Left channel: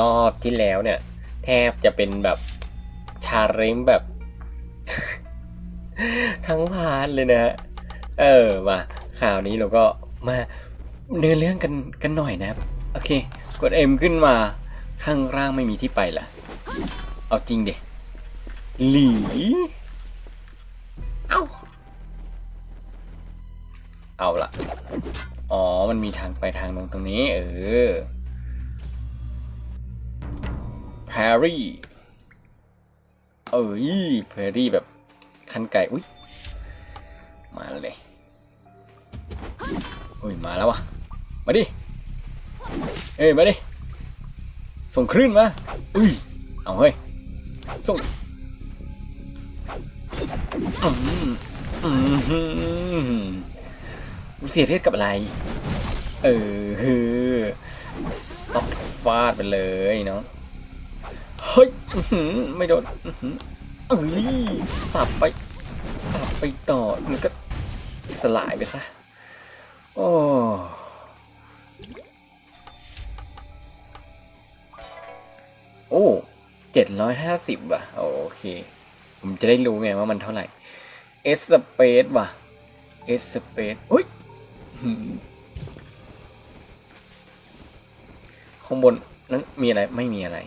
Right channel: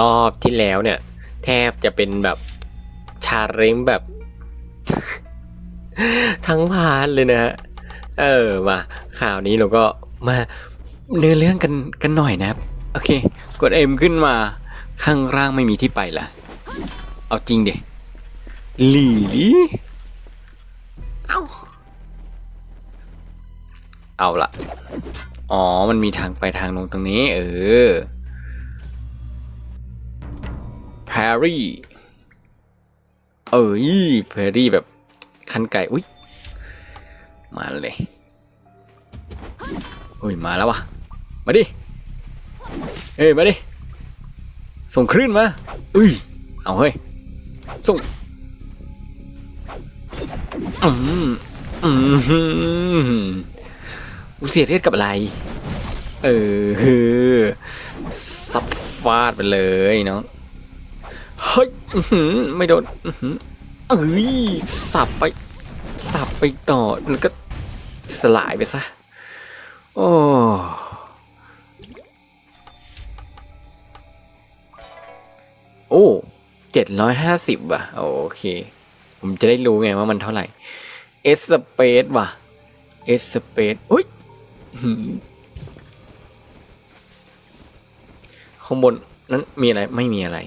รอบที่แล้วเนี่ย แทบจะเป็นแบบชาเร็งแบบ ทั้งพาร์ทเลยนะ เออมาข่าวนี้เราก็มาเนื้อเรื่องกันกันหน่อยนะครับ โอเค กด M ขึ้นมาข้างล่างไม่มีที่ไปละเอาจริงเด็หลีเอาเอาละอ๋อ มันมีทางไปทางลงตรงนี้ เออ แพรี่เอ้ยแพรี่แบบคันไก่อุ้ยมาเลยอุ้ยมาแล้ววะมาดิเอ้ยมาดิส่งคลื่นมาอุ้ยเอาเฮ้ยส่งอืมอืมเสียเลือดกับอะไร เออซัดฟาดไปเลยเนาะ เฮ้ยไม่โดนอื้อหือเอ้ยสับไป สับไปต่อแล้วก็สลายไปซะ โอ้โอ้เจ็ดร้อยห้าสิบว่ะ โอเค ผมจะได้รู้ไงว่ามันเท่าไหร่เอสเปซว่ะเอสเปซอุ้ยข้างบนนั้นมีอะไรไม่มีอะไร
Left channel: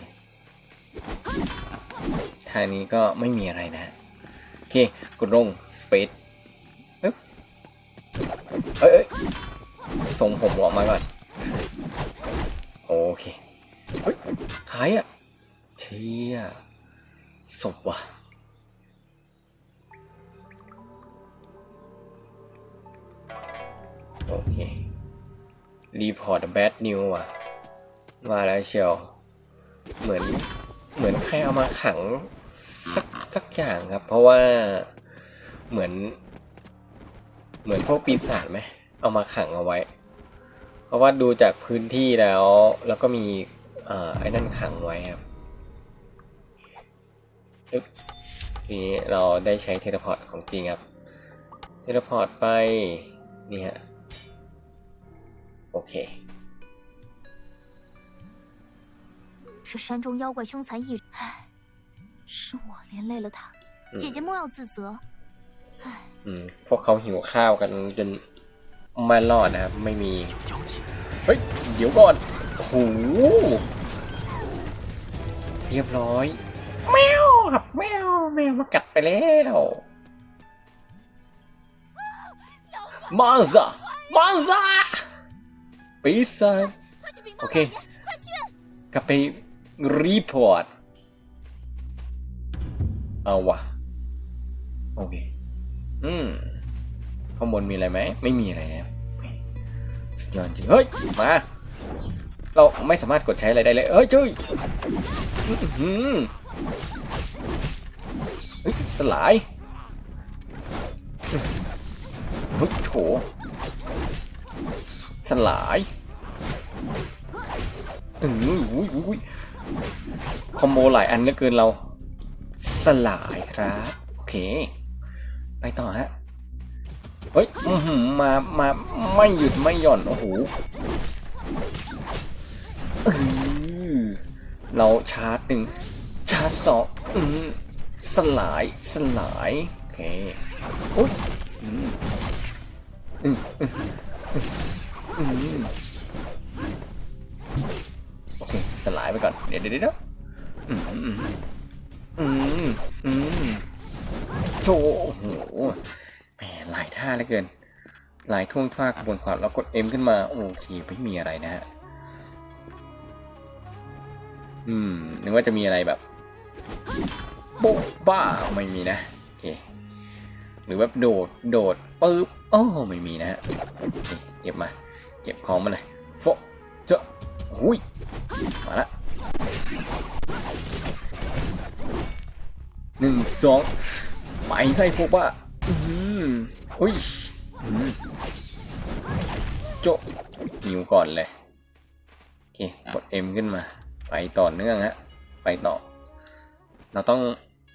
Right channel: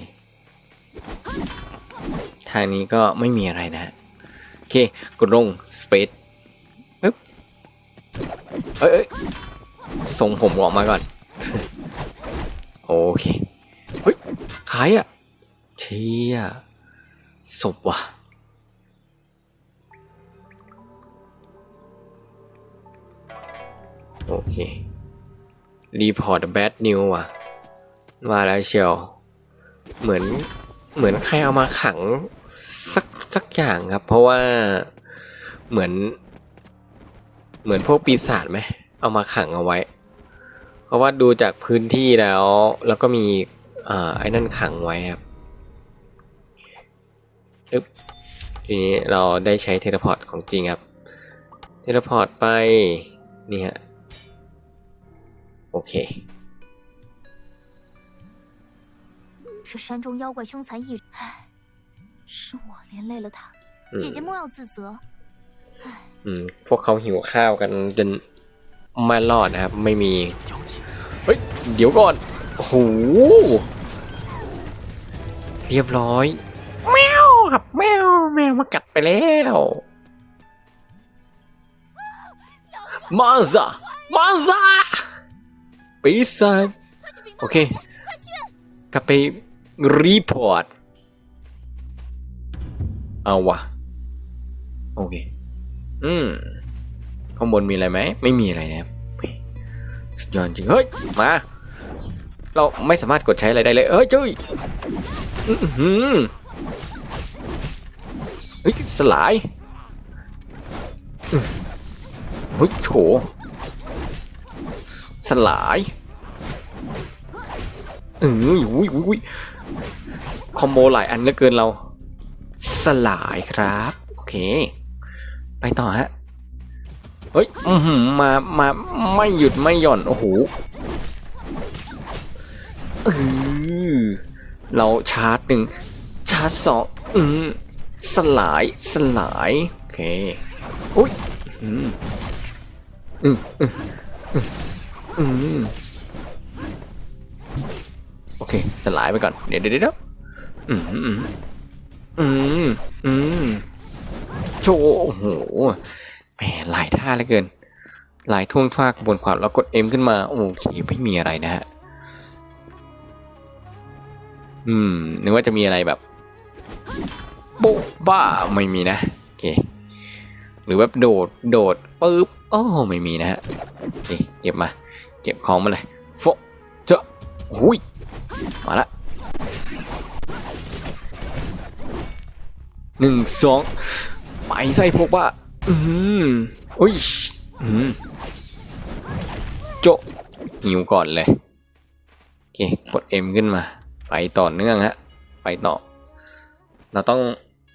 ทางนี้ก็ไม่มีอะไรนะโอเคกดลงสเปซปึ๊บเอ้ยเอ้ยส่งผมออกมาก่อน โอเคเฮ้ยใครอะเชี่ยศพว่ะโอเค รีพอร์ตแบดนิวว่ะ มาแล้วเชียว เหมือน เหมือนใครเอามาขังสักสักอย่างครับ เพราะว่าเหมือน เหมือนพวกปีศาจไหมเอามาขังเอาไว้ เพราะว่าดูจากพื้นที่แล้ว แล้วก็มีอ่าไอ้นั่นขังไว้ครับอึ๊บทีนี้เราได้ใช้เทเลพอร์ตของจริงครับ เทเลพอร์ตไป นี่ฮะ โอเค 这山中妖怪凶残异，唉，是我连累了他，嗯姐姐莫要自责。 อืม พวกเขาหิวข้าวกันจนไม่รอดนะครับ ไม่มี เฮ้ย เดี๋ยวก่อน โอ้โห เรียบร้อย แมวครับแมว แมวมากัดไปแล้ว มาซะมาซะปีศาจโอเค กลับไป รีพอร์ต เอาวะโอเค อืม ข้างบนมีอะไรไหม ไม่มีอะไรนะครับสุดยอดจริง เฮ้ย มา เราไม่สามารถกดใช้อะไรได้เลยเอ้ยจุ้ยอื้อหือเฮ้ย สลายเฮ้ยโถสลายเอออุ้ยอุ้ย อุ้ยคอมโบหลายอันเหลือเกินเราสลายครับ โอเค ไปต่อฮะ เฮ้ยอืมามาไม่หยุดไม่หย่อน โอ้โหเราชาร์จหนึ่งชาร์จสองอืมสลายสลาย โอเคอุ้ยอืมอืมอืมอืมอืมโอเค สลายไปก่อน เดี๋ยวเดี๋ยวเดี๋ยว อืมอืมอืมอืมโชว์โอ้โหแหมหลายท่าเหลือเกิน หลายท่วงท่ากบนความแล้วกด M ขึ้นมา โอเค ไม่มีอะไรนะฮะ อืม นึกว่าจะมีอะไรแบบโบ๊ะบ้า ไม่มีนะ โอเค หรือแบบโดด โดดปึ๊บ โอ้ ไม่มีนะฮะนี่เก็บมา เก็บของมาเลยโฟเจ้าหุยมาละ หนึ่งสองไปใส่พวกว่าอืมอุ้ยอืมโจะหิวก่อนเลยโอเคกด M ขึ้นมา ไปต่อเนื่องฮะไปต่อ เราต้อง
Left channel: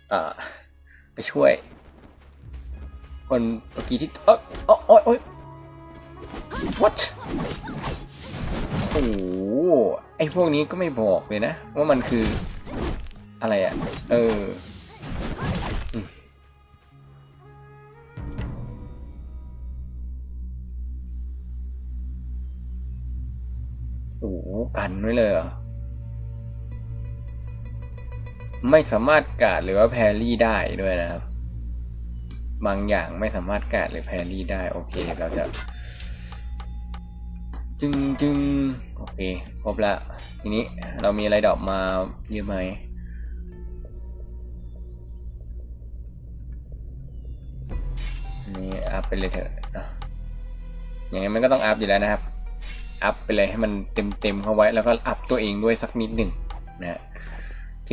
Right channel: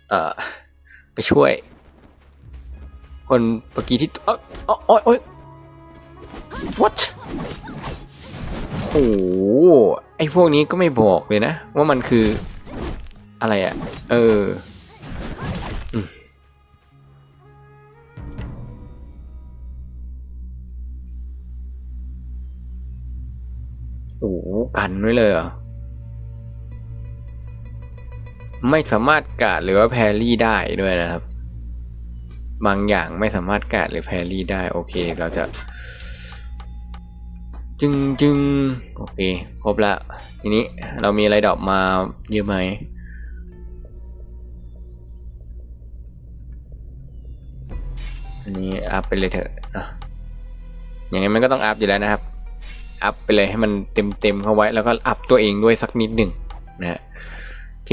เอ่อ ไปช่วย คนเมื่อกี้ที่เออโอ้ยโอ้ย what เอหไอพวกนี้ก็ไม่บอกเลยนะ ว่ามันคืออะไรอะ่ะ เออ กันไว้เลยเหรอไม่สามารถกาดหรือว่าแพรี่ได้ด้วยนะครับ บางอย่างไม่สามารถกาดหรือแพรี่ได้โอเคเราจะ จึงจึงโอเคครบละทีนี้เรามีอะไรดอกมาเยอะไหมอันนี้อัพไปเลยเถอะอย่างงั้มันก็ต้องอัพอยู่แล้วนะครับ อัพไปเลยให้มันเต็มๆเข้าไว้แล้วก็อัพตัวเองด้วยสักนิดหนึ่งนะฮะโอเค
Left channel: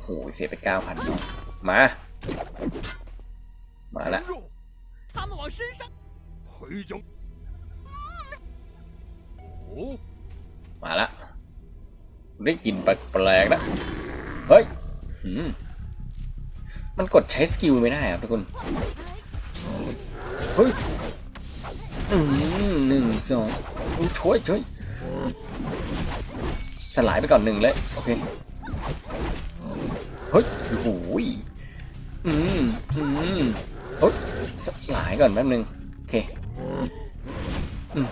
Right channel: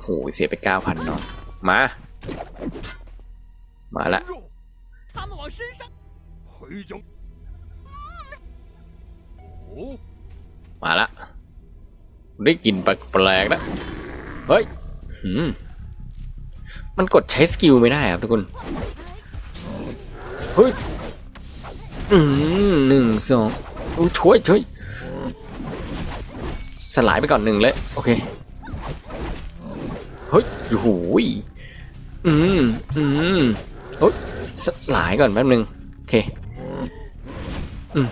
โหเสียไปเก้าพันเามา มาละมาละได้กลิ่นแปลกๆนะเฮ้ยมันกดใช้สกิลไม่ได้ครับทุกคนเฮ้ย อืมหนึ่งสองช่วยช่วยสลายไปก่อนหนึ่งเลย โอเค เฮ้ยโอ้โหยอืมอืมเฮ้ยสลายก่อนแป๊บหนึง โอเค อืม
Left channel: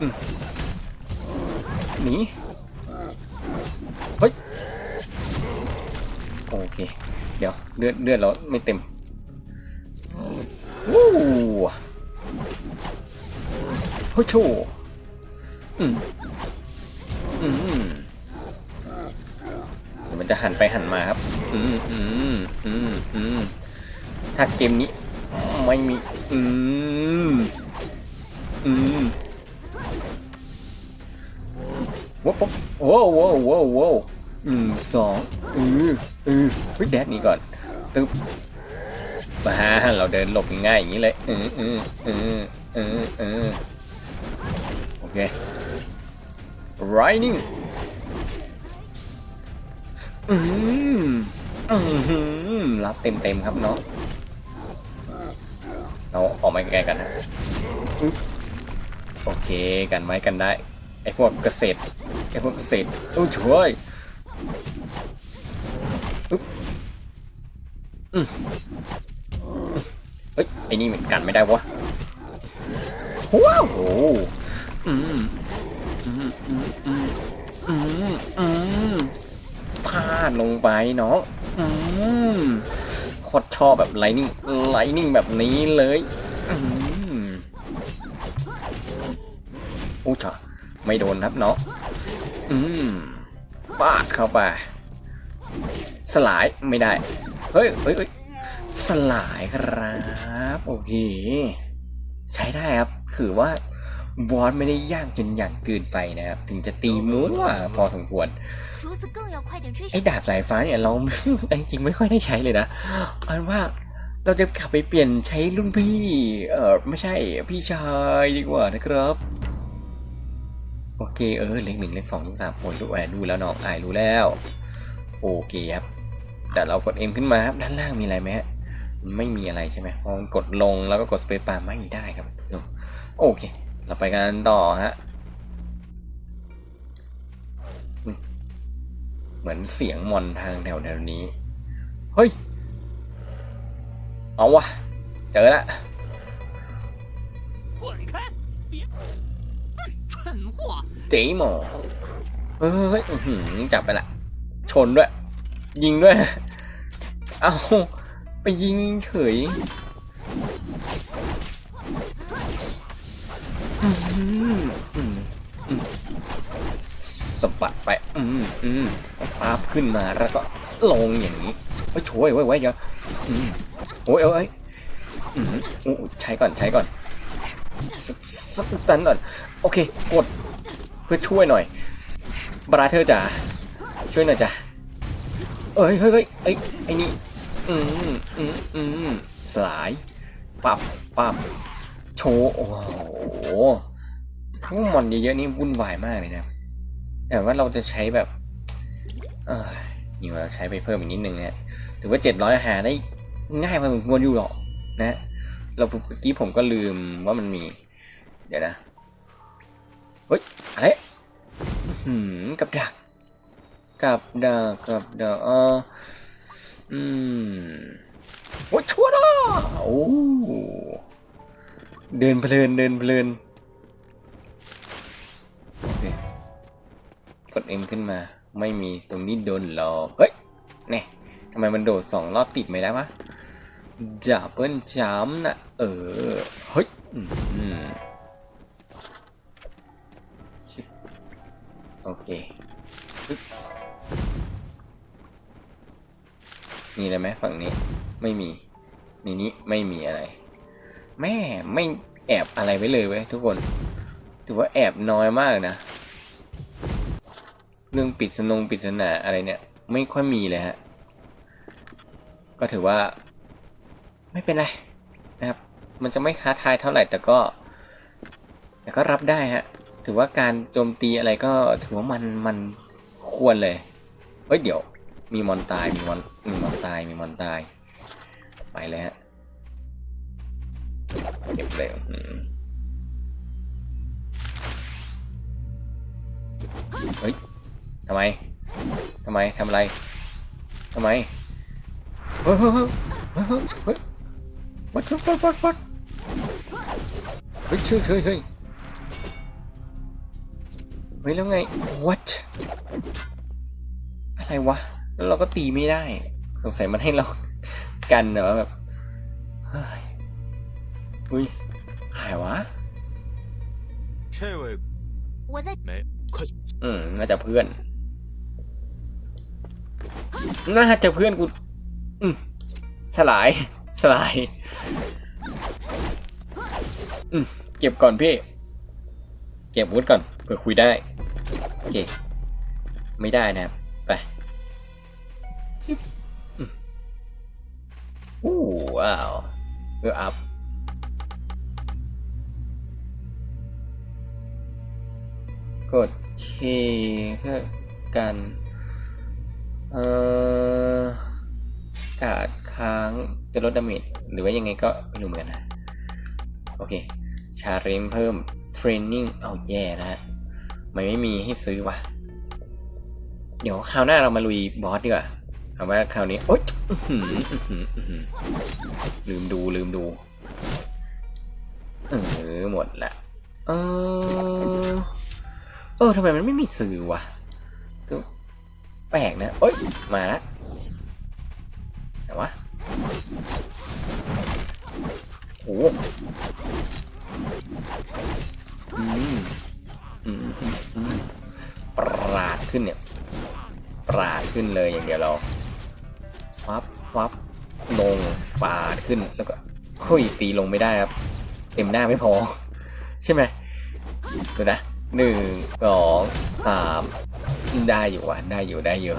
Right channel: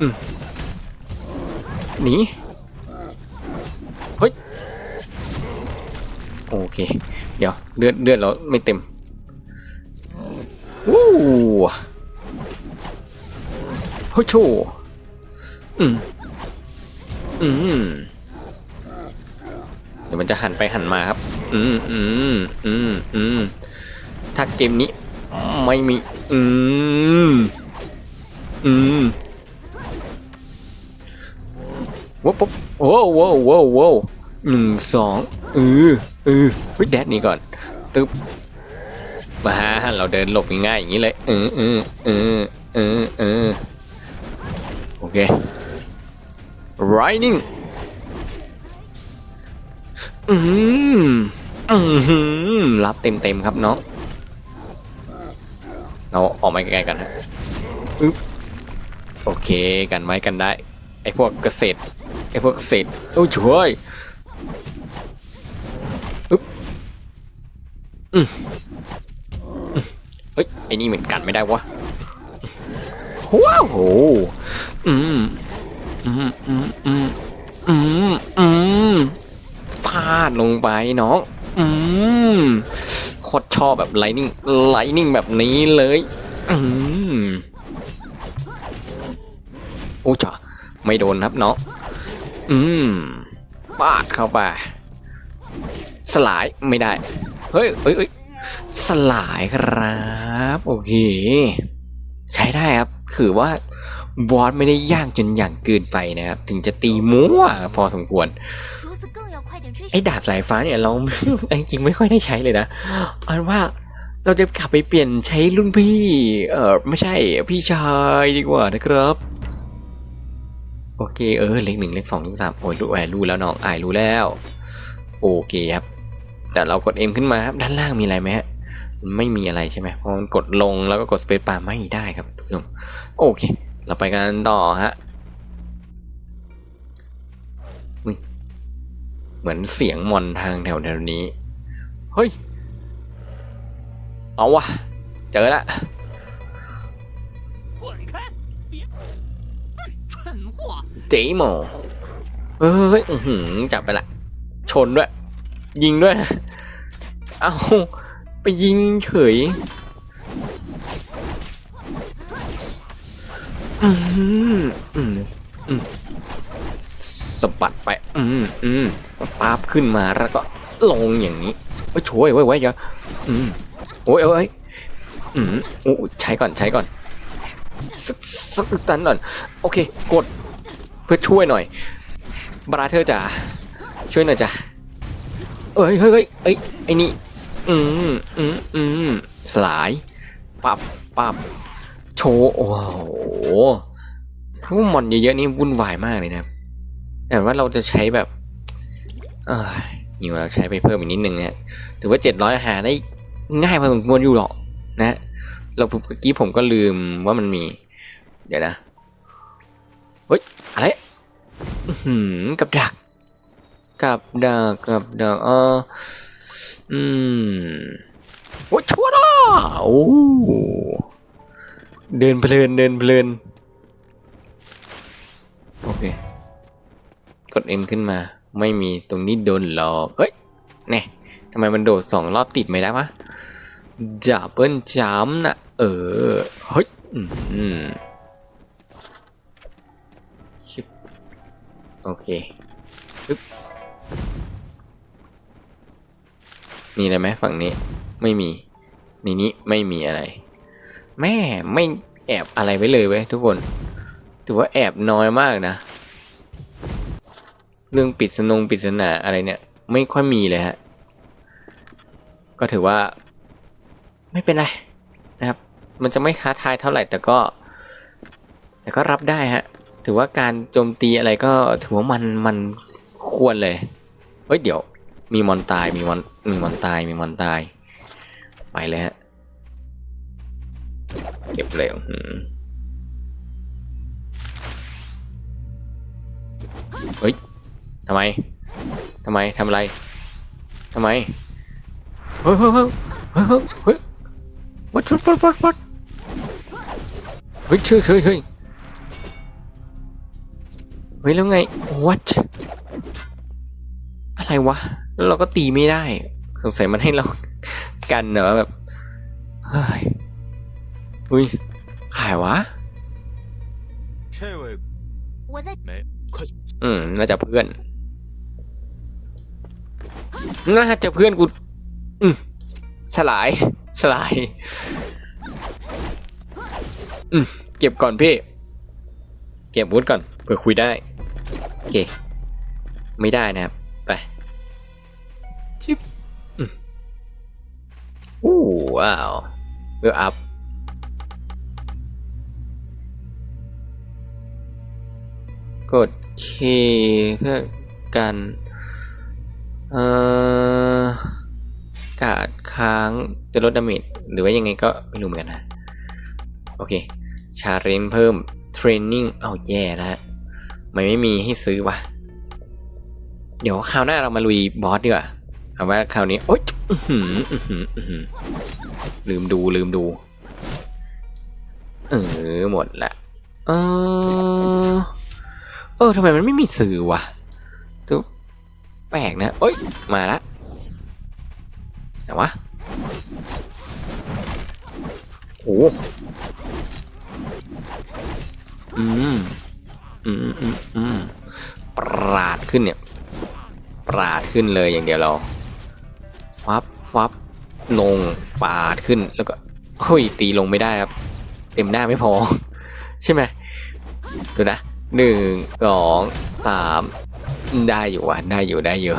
อืมหนีเฮ้ย โอเค เดี๋ยวเลือดเลือดเราไม่เต็ม ฮ้ยโชอืมอืมเดี๋ยวมันจะหันไปหันมาครับ อืมอืมอืมอืมถ้าเกมนี้ไม่มี อืมอืมว้าวปุ๊บโอ้โว้โว้โว้หนึ่งสองเออเออเฮ้ยแดดนี่ก่อนตึ๊บมาเราเดินหลบง่ายๆอย่างนี้เลยออเออเออเออเออโอ เค riding อืมอืมรับเต็มเต็มครับน้องเราออกมาใกลๆกันนะโอเคกันไว้กันได้ไอพวกเกษตรไอพวกเกษตรโอ้ยช่วยอึ๊บอืมอืมเฮ้ยไอนี่เหมือนกันไม่ได้วะ ว้าวโหอืมอืมอืมอืมอืมอืมพลาดลงไปน้องอืมโคตรชอบแบบไลนิ่งไลนิ่งแบบนี้เลยอืมโอ้จ้ะไม่โดนครับน้องอืมปาดเข้าไป สลายไม่ได้ เฮ้ยเฮ้ยเฮ้ยสลายครับ โอเค ใช้ได้ครับ คือว่าบอสไม่ได้ยากจนอย่างเกินไปนะครับ ถึงจะตีมั่วพอสมควร ไอ้ดาบสายฟ้าเนี่ยเราไม่จริงไม่ค่อยได้ใช้เลยนะเอานว่าเราจะกลับไปเปลี่ยนใช้รุ่นพี่ เออไม่ใช่พี่ชายดีกว่านะครับ โอเคเออเลขหนึ่งเลขสองเลขสามโอ้ยรู้แหวนรู้แล้วน้องอายรู้แล้ว โอเคครับ แต่เรากดเอ็มขึ้นมาครับด้านล่างมีอะไรไหมฮะ ไม่มีอะไรใช่ไหมพอกดลงแล้วก็กดสเปซบาร์ไม่ได้ครับทุกท่านโอเค เราไปกันต่อฮะเหมือนเสียงมอนทางแถวแถวนี้ เฮ้ย เอาวะ เจอละจีหมอเฮ้ยจับไปละ ชนด้วย ยิงด้วย เอา ไปยิงเฉยสะบัดไปอืมอืมปาบขึ้นมาแล้วก็ลงอย่างนี้เฮ้ยช่วยไว้ไว้อย่าอืมโอ้ยโอ้ยอืมโอ้ใช้ก่อนใช้ก่อนสักสักตันหน่อยโอเค กดเพื่อช่วยหน่อย บราเธอร์จ๋าช่วยหน่อยจ้ะเอ้ยเฮ้ยเฮ้ยไอ้นี่ อืมอืมอืมสลาย ปับปับโชว์โอ้โหพวกมอนเยอะๆนี่วุ่นวายมากเลยนะแต่ว่าเราจะใช้แบบเอออยู่เราใช้ไปเพิ่มอีกนิดนึงนะถือว่าเจ็ดร้อยหาได้ง่ายพอสมควรอยู่หรอกนะ เราเมื่อกี้ผมก็ลืมว่ามันมี เดี๋ยวนะ เฮ้ย อะไรอื้อหืมกับดัก กับดัก กับดักอ๋อ อืมโอ้ชั่วละโอ้เดินเพลินเดินเพลินโอเคกด M ขึ้นมา ไม่มีตรงนี้โดนหลอกเฮ้ยแน่ทำไมมันโดดสองรอบติดไม่ได้วะดับเบิลจัมนะเออเฮ้ยอืมโอเค มีอะไรไหมฝั่งนี้ ไม่มีในนี้ไม่มีอะไร แม่ไม่แอบอะไรไว้เลยเว้ยทุกคน ถือว่าแอบน้อยมากนะ เรื่องปิดสนงปริศนาอะไรเนี่ย ไม่ค่อยมีเลยฮะ ก็ถือว่า ไม่เป็นไรนะครับ มันจะไม่ท้าทายเท่าไหร่แต่ก็ แต่ก็รับได้ฮะ ถือว่าการโจมตีอะไรก็ถือว่ามันมันควรเลย เฮ้ยเดี๋ยว มีมอนตายมีมอนมีมอนตายมีมอนตาย ไปเลยฮะเก็บเร็วเฮ้ยทำไมทำไมทำอะไรทำไมเฮ้ยเฮ้ยเฮ้ยเฮ้ยเฮ้ยเฮ้ยวัดวัดวัดวัดวัดเฮ้ยเฮ้ยเฮ้ยเฮ้ยเฮ้ยแล้วไง what อะไรวะ แล้วเราก็ตีไม่ได้สงสัยมันให้เรากันเนอะแบบเฮ้ยอุ้ยขายวะใช่เว้อืมน่าจะเพื่อนน่าจะเพื่อนกูอืมสลายสลายอืมเก็บก่อนพี่ เก็บวุฒก่อนเพื่อคุยได้โอเคไม่ได้นะครับ ไปชิบอืมอู้ว้าวเวลอัพกดเคเพื่อการเอ่อกาดค้างจะลดดาเมจหรือว่ายังไงก็ไม่รู้เหมือนกันนะ โอเค ชาเลนเพิ่ม เทรนนิ่งเอาแย่แล้วฮะมันไม่มีให้ซื้อว่ะ เดี๋ยวคราวหน้าเรามาลุยบอสดีกว่า เอาไว่าคราวนี้โอ๊ยลืมดูลืมดู เออหมดละเออเออทำไมมันไม่มีสื่อวะตุ๊บแปลกนะเอ้ยมาละแต่วะโอ้อืมอืมอืมอืมปราดขึ้นเนี่ย ปราดขึ้นเลยอย่างเดียวเรา ฟับฟับลงปาดขึ้นแล้วก็เฮ้ยตีลงไม่ได้ครับ เต็มหน้าไม่พอ ใช่ไหมดูนะหนึ่งสองสามได้อยู่ว่ะได้อยู่ได้อยู่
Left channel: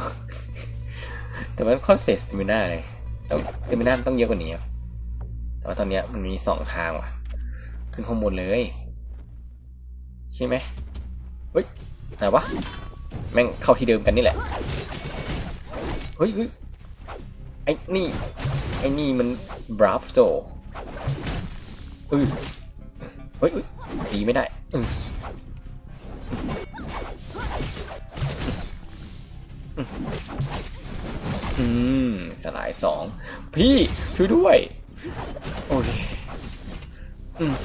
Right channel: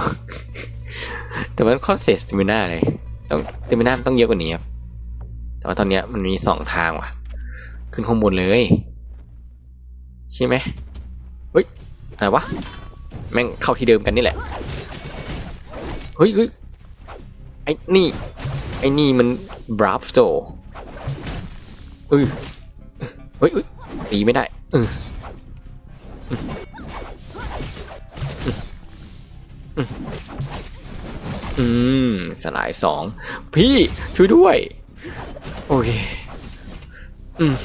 แต่มันค่อนเสียสติมิน่าเลยต้องสติมิน่าต้องเยอะกว่านี้ครับ แต่ว่าตอนนี้มันมีสองทางว่ะ ขึ้นข้างบนเลย ใช่ไหมเฮ้ยอะไรวะแม่งเข้าที่เดิมกันนี่แหละเฮ้ยเฮ้ย อ้นี่ ไอ้นี่มันบราฟโซเออเฮ้ยเฮ้ยตีไม่ได้เอออืมสลายสอง พี่ช่วยด้วย โอเค อืม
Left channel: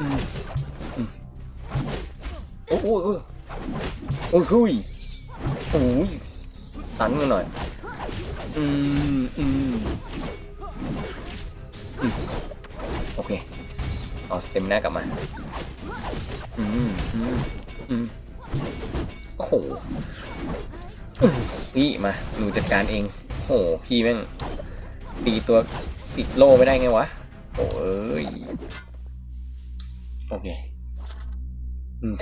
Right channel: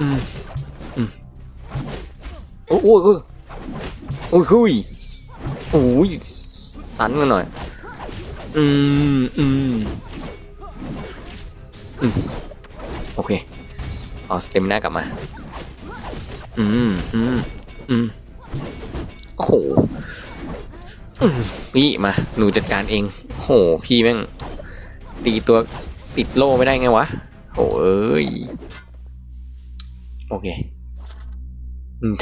อืมอืมโอ้โหโอ้ยโอ้ยโอ้ยตันกันหน่อย อืมอืมอืมโอเค เอาสเต็มหน้ากลับมา อืมอืมอืมโอ้โหพี่มา หนูจัดการเอง โห พี่แม่ง ตีตัวติดโล่ไม่ได้ไงวะ โอ้เอ้ย โอเค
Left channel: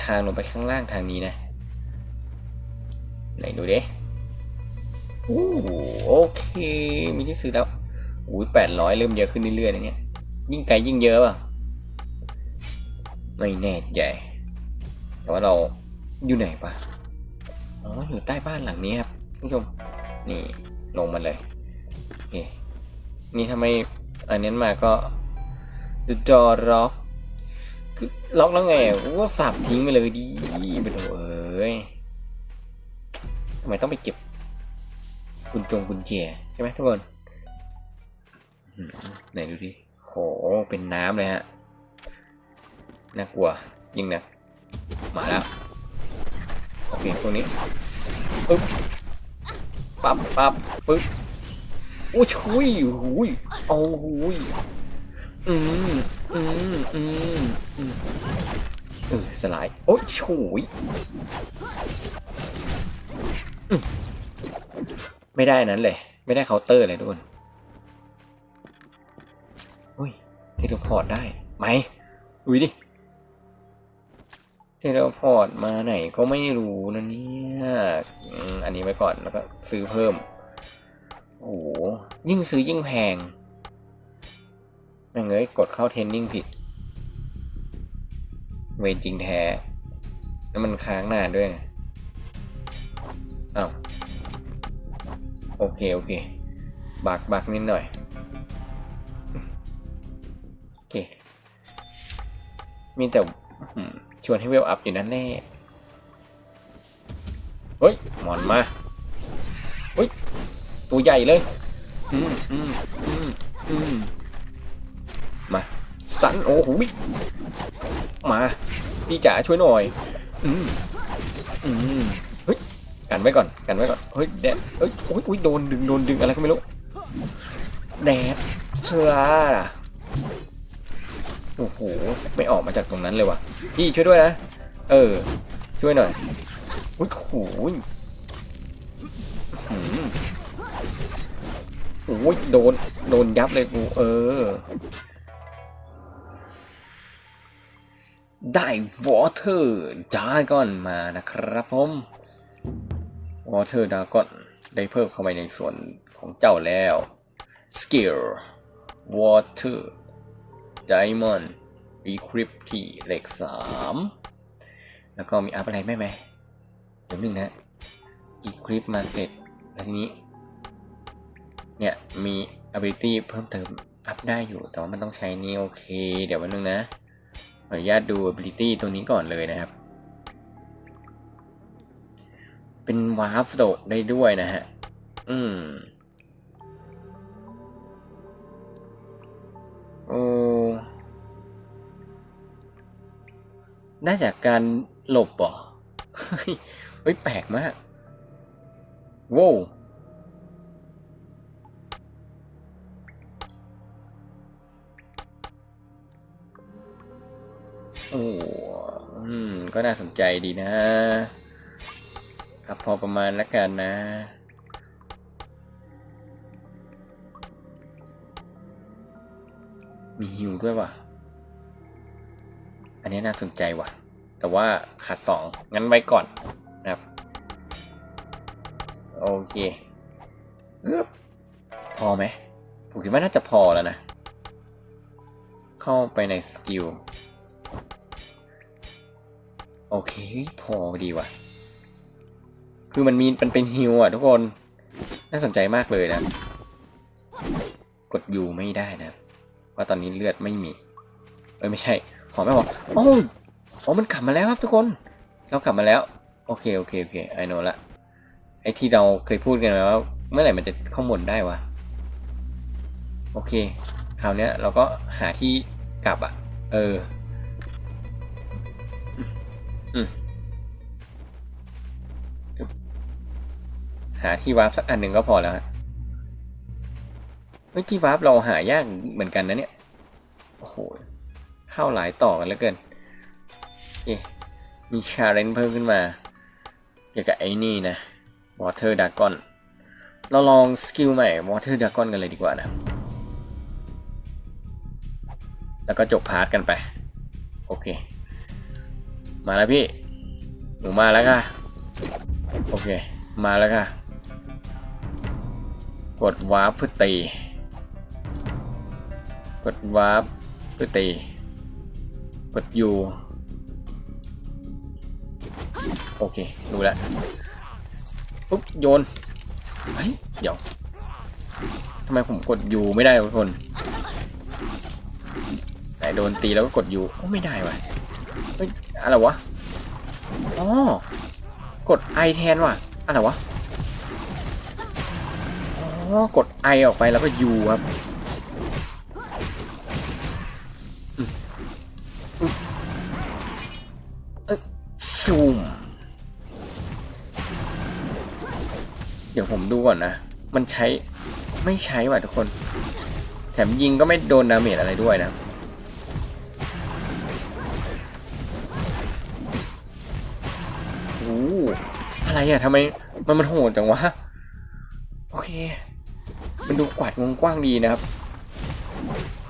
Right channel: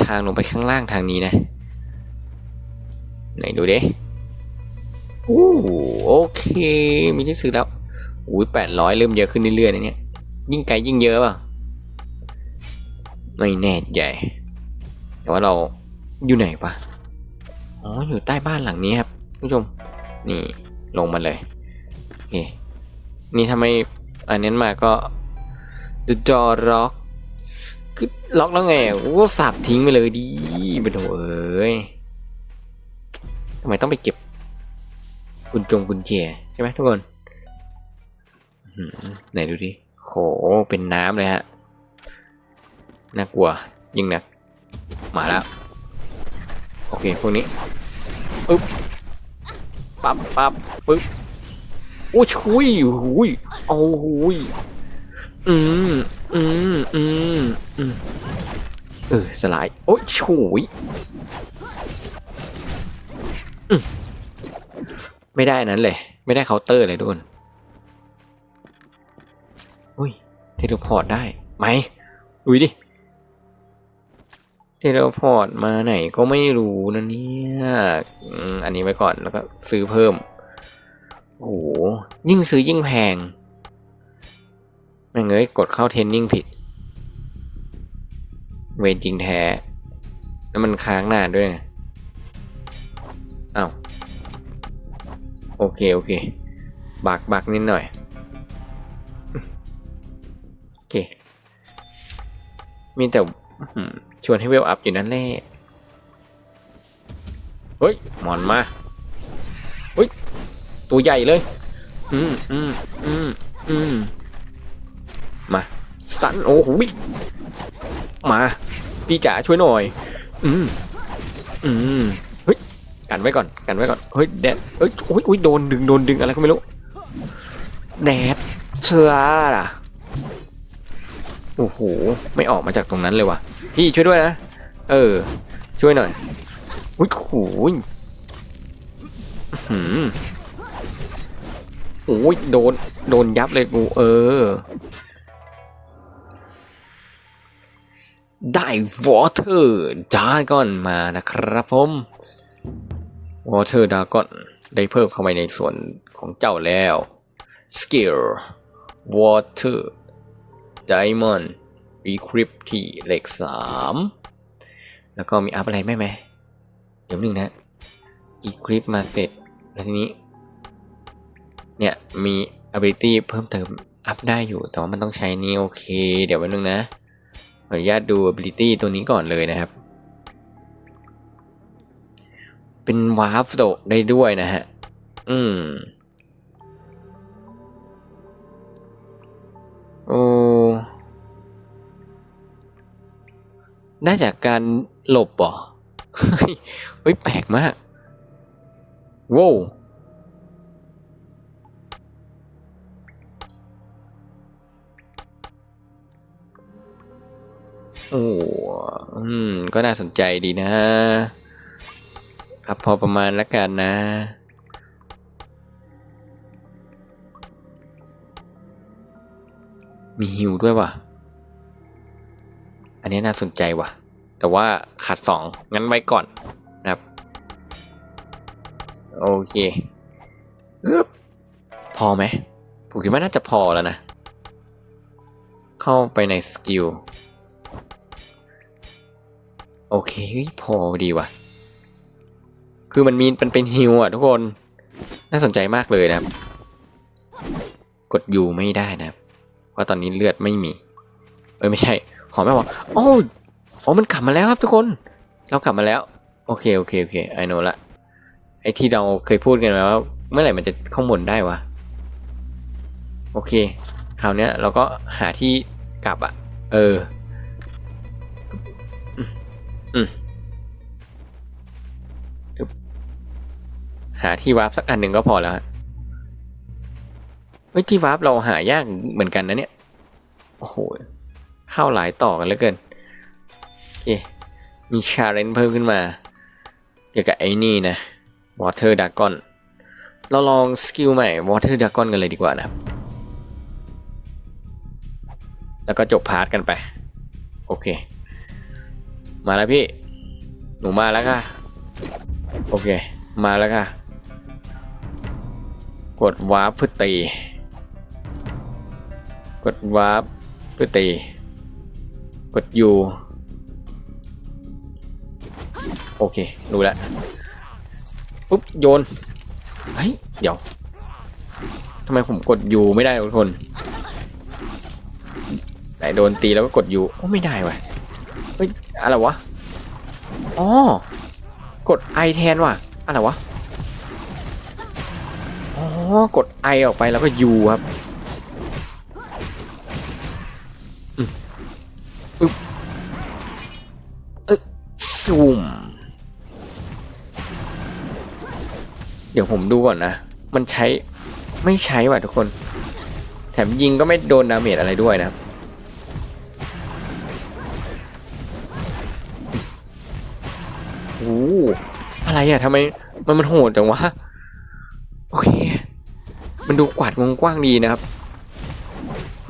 ทางลงไปข้างล่างทางนี้นะ ไหนดูดิ อ้โอเค มีที่ซื้อแล้วอุ้ยแปดร้อยเริ่มเยอะขึ้นเรื่อยๆนะเนี่ย ยิ่งไกลยิ่งเยอะป่ะ ไม่แน่ใจแต่ว่าเราอยู่ไหนปะอ๋อ อยู่ใต้บ้านหลังนี้ครับผู้ชม นี่ลงมาเลยโอเคนี่ถ้าไมอันนี้มาก็ The Door Rock คือล็อกแล้วไงโอ้สับทิ้งไปเลยดีไปโถเอ้ยทำไมต้องไปเก็บ กุญจงกุญแจใช่ไหมทุกคนไหนดูดิโหเป็นน้ำเลยฮะน่ากลัวยิ่งนะมาแล้วโอเคพวกนี้ปึ๊บปั๊บปั๊บปึ๊บโอ้ยชุยหุยโอ้หุยอืมอืมอืมอืมเออสลายโอ้ชุยอืม ไม่ได้นั้นเลย ไม่ได้เคาน์เตอร์เลยทุกคนอุ้ยเทเลพอร์ตได้ไหมดูดิเทเลพอร์ตมาไหนก็ไม่รู้นะเนี่ยอันนี้ไว้ก่อนแล้วก็ซื้อเพิ่มโอ้โหยิ่งซื้อยิ่งแพงแม่งเอ้ยกดเข้าเทรนนิ่งผิด เวรจริงแท้ แล้วมันค้างนานด้วยอ้าว โอเค โอเค บักบักนิดหน่อย โอเค มีแต่ชวนให้เวลอัพอยู่นั่นแหละ เฮ้ย หมอนมาเฮ้ย ตัวใหญ่เลย อืมอืมอืมอืมมา สตัน โอ้โหมา พี่จ๋าช่วยหน่อย อืมอืม กันไว้ก่อนกันไว้ก่อนเฮ้ยแดดเฮ้ยโอ้ยโอ้ยโดนดึงโดนดึงอะไรก็ไม่รู้แดดเชื่อล่ะโอ้โหไม่ออกมาจากตรงนั้นเลยว่ะพี่ช่วยด้วยนะเออ ช่วยหน่อยอุ้ยโอ้ยหโอ้ยโดนโดนยับเลยกูเออ ได้ Water Dragon มานะครับผม Water Dragon ได้เพิ่มเข้าไปในส่วนของเจ้าแล้ว Skill Water Diamond Equip ที่เลขสามแล้วก็มีอัพอะไรไหมไหมเดี๋ยวหนึ่งนะ Equip มาเสร็จแล้วทีนี้ เนี่ยมี ability เพิ่มเติมอัพได้อยู่ แต่ว่ามันต้องใช้นี่โอเค เดี๋ยววันนึงนะขออนุญาตดู ability ตัวนี้ก่อนเลยนะครับ เป็นวาร์ฟโดได้ด้วยนะฮะ อืม โอ้ได้จากการหลบเหรอเฮ้ยเฮ้ย แปลกมากว้าวโอ้อืม ก็น่าสนใจดีนะ ครับพอประมาณแล้วกันนะ มีฮิวด้วยว่ะ อันนี้น่าสนใจว่ะ แต่ว่าขาดสองงั้นไว้ก่อนนะครับ โอเคอพอไหม ผมคิดว่าน่าจะพอแล้วนะ เข้าไปในสกิล โอเคพอดีว่ะ คือมันมีมันเป็นฮิวอะทุกคน น่าสนใจมากเลยนะครับ กดยูไม่ได้นะครับเพราะตอนนี้เลือดไม่มี เอ้ยไม่ใช่ ขอไม่บอกโอ้อ๋อมันกลับมาแล้วครับทุกคน เรากลับมาแล้ว โอเคโอเคโอเคไอโนละไอที่เราเคยพูดกันไว้ว่าเมื่อไหร่มันจะข้างบนได้วะ โอเค คราวเนี้ยเราก็หาที่กลับอะเออ อืม หาที่วาร์ปสักอันหนึ่งก็พอแล้วฮะเฮ้ยที่วาร์ปเราหายากเหมือนกันนะเนี่ย โอ้โห เข้าหลายต่อกันเหลือเกินเย่มีชาเลนจ์เพิ่มขึ้นมา เกี่ยวกับไอ้นี่นะ Water Dragon เราลองสกิลใหม่ Water Dragon กันเลยดีกว่านะ แล้วก็จบพาร์ทกันไป โอเค มาแล้วพี่ หนูมาแล้วค่ะ โอเค มาแล้วค่ะ กดวาร์ปเพื่อตี กดวาร์ปเพื่อตี กด U โอเครู้แล้วปุ๊บโยนเฮ้ยเดี๋ยวทำไมผมกด U ไม่ได้ทุกคนไหนโดนตีแล้วก็กด U โอ้ไม่ได้วะเฮ้ยอะไรวะอ๋อกดไอแทนว่ะอะไรวะ กดไอออกไปแล้วก็ยูครับอืมอึ๊บอึ๊บซูมเดี๋ยวผมดูก่อนนะ มันใช้ไม่ใช้ว่ะทุกคน แถมยิงก็ไม่โดนดาเมจอะไรด้วยนะโอ้โหอะไรอะทำไมมันมันโหดจังวะ มันดูกวาดวงกว้างดีนะครับ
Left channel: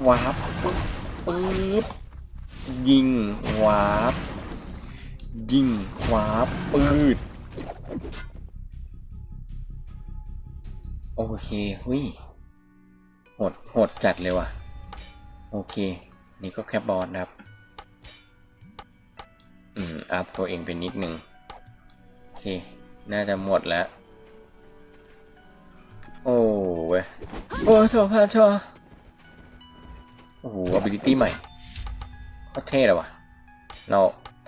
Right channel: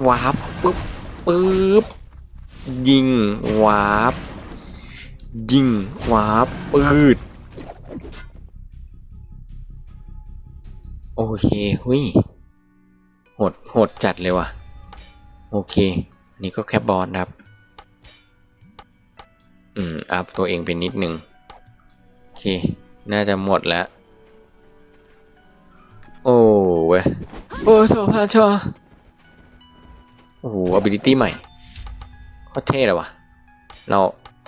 วาร์ปปึ๊บปึ๊บยิงวาร์ปยิงวาร์ปปืดโอเคหุยโหดโหดจัดเลยว่ะ โอเค นี่ก็แค่บอสครับ อืม อัพตัวเองเป็นนิดนึงโอเค น่าจะหมดแล้ว โอ้เว้ย โอ้ชัวร์พลาดชัวร์โอ้โห ability ใหม่โคตรเท่เลยว่ะ เรา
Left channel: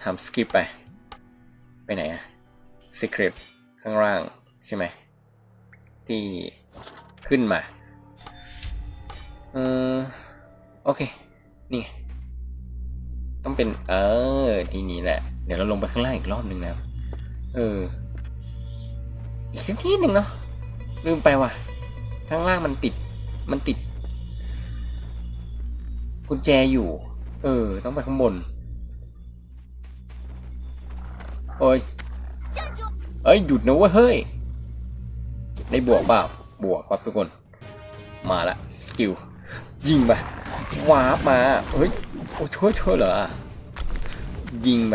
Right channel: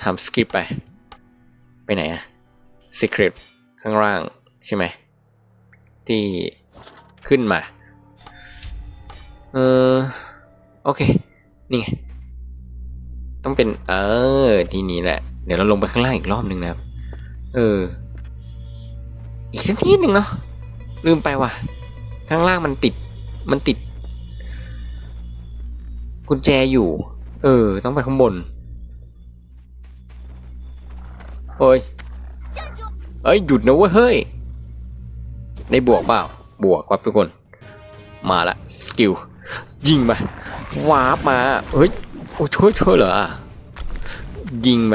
ทำสคริปต์ไป ไปไหนอะ secret ข้างล่างใช่ไหม ที่ขึ้นมา เออ โอเค นี่ไง ต้องเป็น เออ ที่นี้แหละ เดี๋ยวเราลงไปข้างล่างอีกรอบหนึ่งนะครับ เออ อีกสักทีหนึ่งเนาะ ลืมไปว่ะ ข้างล่างมันติด มันติด กุญแจอยู่ เออ ต้องไปข้างบน โอ้ย เอ้ย หยุดนะเว้ย เฮ้ย ได้บวกเปล่า บวกครับทุกคน มาละ สกิล ยิงไปวาร์ปมาเฮ้ย โอ้ช่วยช่วยเหรอ ยิงไป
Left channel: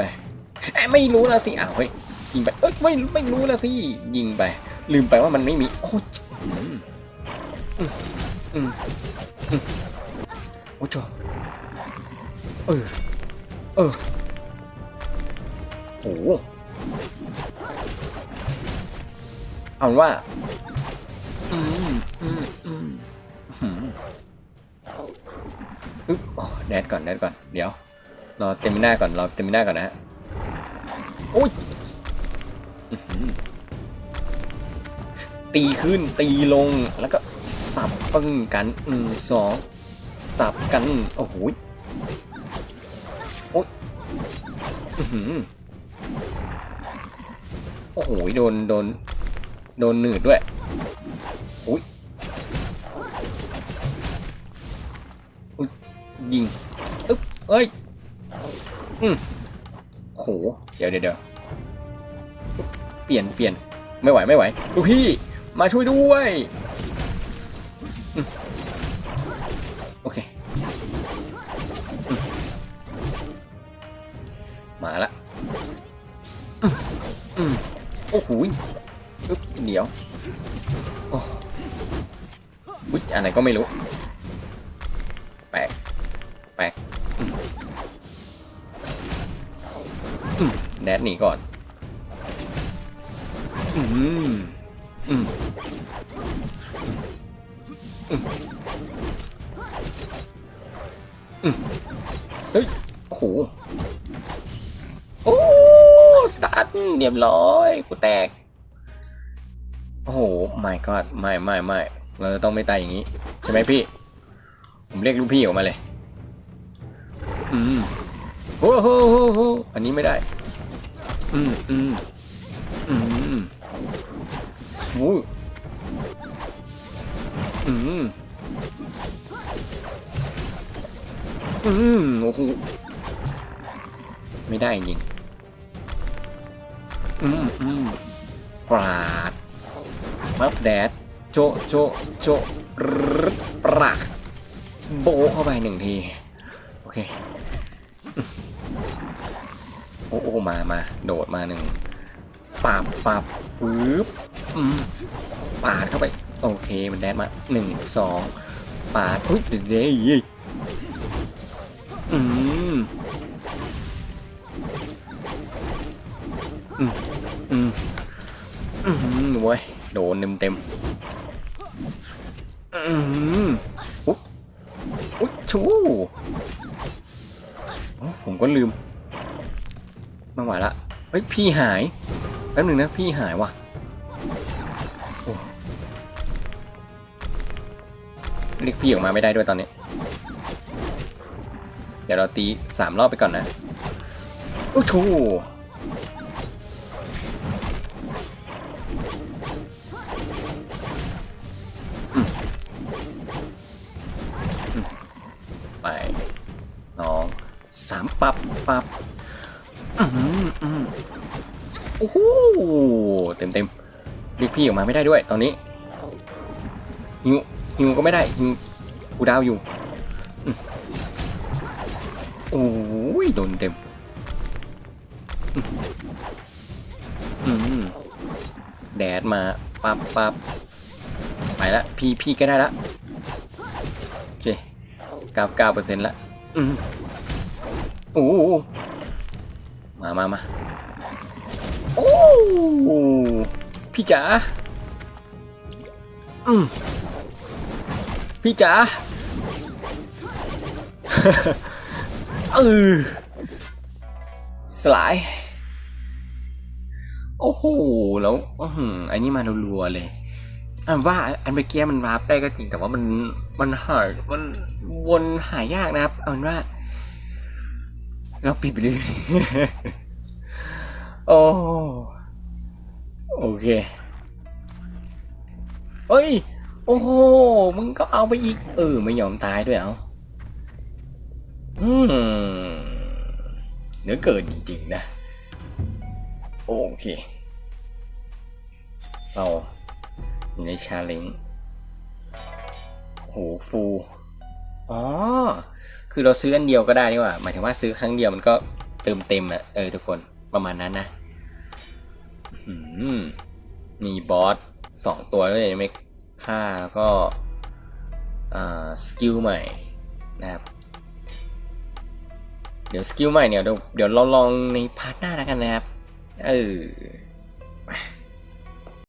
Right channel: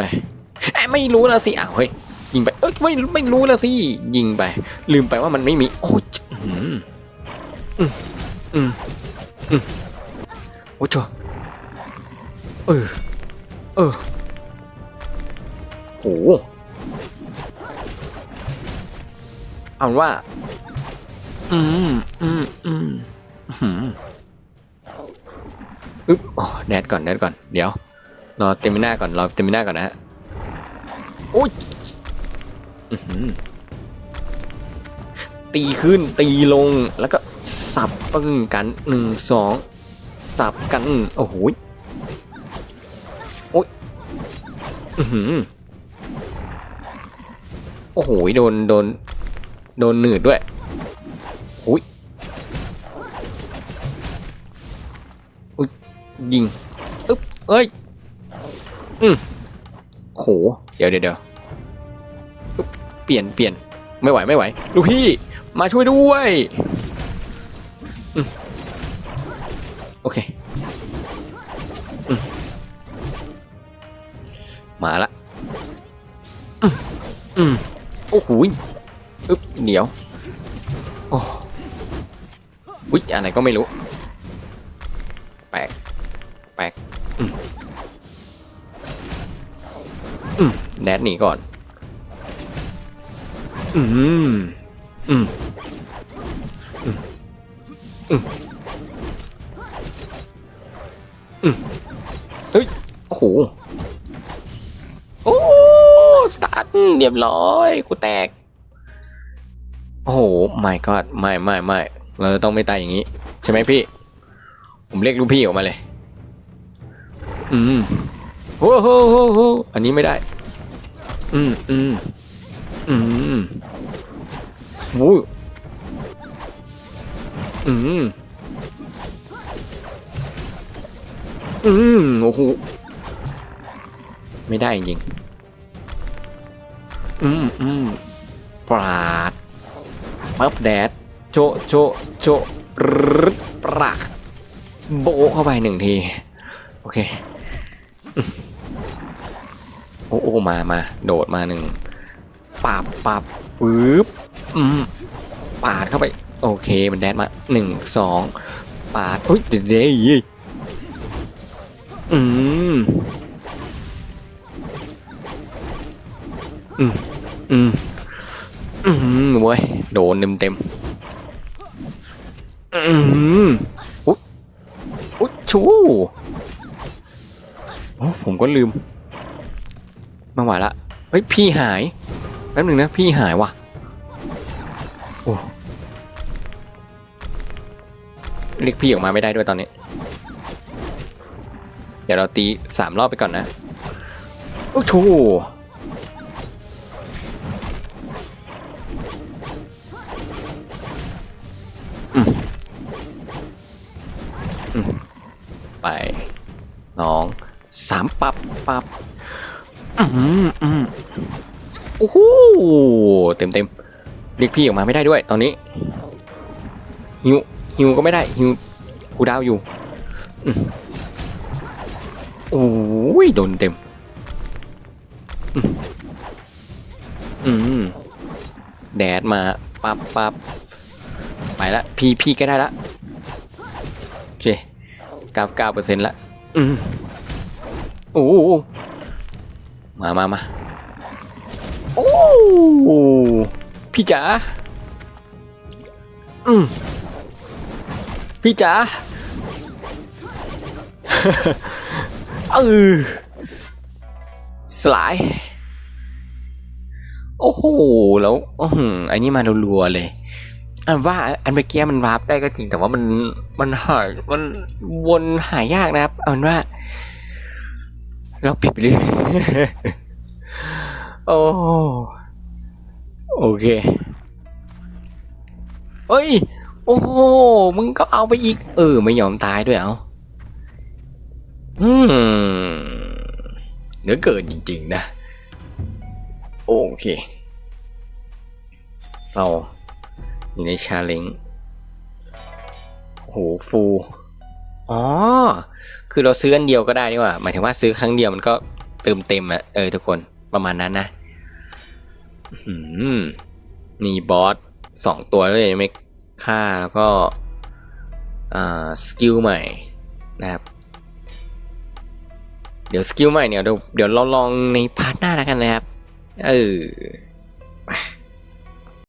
ไม่รู้แล้วสิอ้าวเฮ้ย ยิงไปเอ้ยไม่ไม่รู้แล้วสิยิงไป ลืมไปว่ามันไม่มีโอ้ยอืมอืมอืมโอ้ยจเออเออโอ้โหเอาว่า อืมอืมอืมอืมอึ๊บอ๋อแนทก่อนแนทก่อน เดี๋ยว รอเต็มหน้าก่อน รอเต็มหน้าก่อนนะฮะโอ้ย ตีขึ้นตีลงแล้วก็สับปึ้งกันหนึ่งสองสับกันโอ้โหยโอ้ยโอ้โหยโดนโดนโดนหนืดด้วยอุ้ยอุ้ยยิงอึ๊บเอ้ยอืมโหเดี๋ยวเดี๋ยว ปลี่ยนเปลี่ยนไม่ไหวไม่ไหวลูกพี่มาช่วยด้วยโอเคมมาละโอ้โหอึ๊บเดี๋ยวโอ้อุ๊ยอะไรก็ไม่รู้แปลกแปลกแดดหนีก่อน อืมอืมอืมอืมเฮ้ย โอ้โห โอ้สตาร์ทเรียบร้อยกูแตก โอ้โหไม่ก็ไม่ไม่ไม่เราต้องไม่ตายอย่างนี้ ใช่ไหมพี่ ผมเรียกลูกพี่ออกมาเลย อืมโอ้โหโอ้โหอันนี้ไม่ได้ อืมอืม อืมโอ้ยอืมอืมโอ้โหไม่ได้จริงอืมอืมปราดปั๊บแดดโจโจโจรึดปรักโบเข้าไปหนึ่งที โอเค โอ้โอ้มามาโดดมาหนึ่ง ปับปับปึ๊บอืมปาดเข้าไป โอเคมันแดดมาหนึ่งสองปาดอุ้ยเดี๋ยวเดี๋ยวอืมอืมอืมอืมเว้ยโดนเต็มเต็มอืมอุ๊ยอุ๊ยชูโอ้ผมก็ลืมม่ไหวละเฮ้ยพี่หาย แป๊บหนึ่งนะพี่หายว่ะโอ้เรียกพี่ออกมาไม่ได้ด้วยตอนนี้ เดี๋ยวเราตีสามรอบไปก่อนนะโอ้โห เรียกพี่ออกมาไม่ได้ด้วย ตอนนี้ฮิวฮิวก็ไม่ได้ฮิวกูดาวอยู่โอ้ยโดนเต็มอืมแดดมาปับปับไปละพี่พี่ก็ได้ละเคเก้าเก้าเปอร์เซ็นต์ละอืมโอ้มามามาโอ้ พี่จ๋าอืมพี่จ๋าเออสลาย โอ้โห แล้วอือหืออันนี้มารัวๆเลยอันว่าอันเมื่อกี้มันวาร์ปได้ก็จริงแต่ว่ามันมันหายมันวนหายากนะครับเอาเป็นว่า เราปิดไปเรื่อยๆโอ้ โอเค เอ้ย โอ้โห มึงก็เอาไปอีก เออ ไม่ยอมตายด้วยเอาอืมเนือเกินจริงๆนะ โอเค เราอยู่ในชาเลนจ์โหฟู อ๋อ คือเราซื้ออันเดียวก็ได้นี่ว่า หมายถึงว่าซื้อครั้งเดียวมันก็เติมเต็มอะเออทุกคนประมาณนั้นนะ มีบอสสองตัวเลยไม่ฆ่าแล้วก็สกิลใหม่นะครับเดี๋ยวสกิลใหม่เนี่ยเดี๋ยวเดี๋ยวเราลองในพาร์ทหน้าแล้วกันนะครับ เออ